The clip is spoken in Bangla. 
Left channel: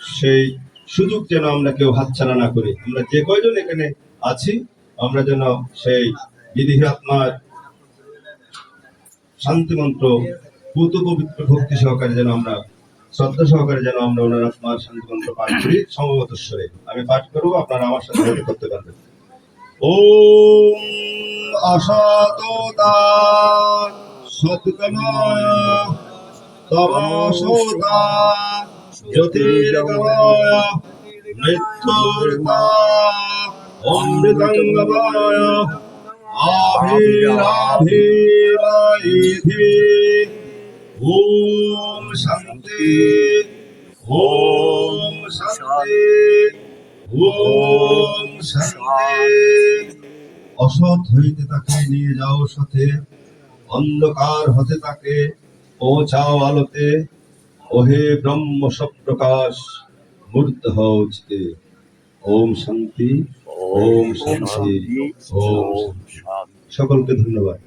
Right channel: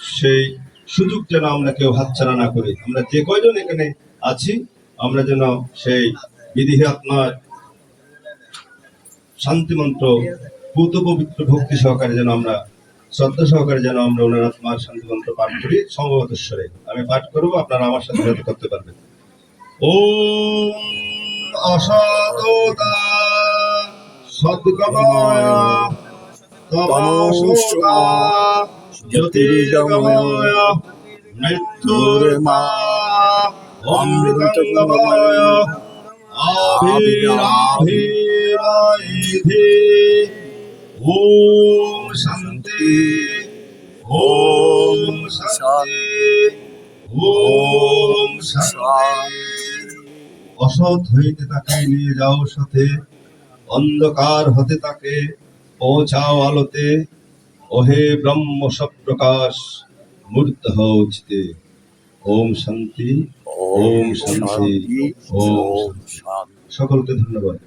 সেই সুযোগ যেন আমরা কেউ হাতছাড়া না করি। আমরা যে কয়জন এখানে আছি, আমরা যেন সেই বিধি আত্মার শান্তি মন্ত্র পুত পবিত্র ভক্তি সহকারে যেন আমরা, শ্রদ্ধা সহকারে যেন আমরা ওনার আত্মার শান্তি মন্ত্র পাঠ করি, সম্ভবত স্বরে আমি পাঠ করব, আপনারা আমার সাথে সাথে করতে পারবেন। ওম অসতোতা সদ্গময় তমসোতা জ্যোতির্গময় মৃত্যুর্মা অমৃতঙ্গময় আভিরাভিরাইধি ওম শান্তি ওম শান্তি ওম অসৎ হইতে তাকে নিয়ে যাও সাথে। অন্ধকার হতে তাকে পৌঁছাও আলোতে। ওহে ব্রহ্ম সপ্রকাশ মূর্ত হচ্ছে ওম শান্তি ওম শান্তি ওম সকলকে ধন্যবাদ।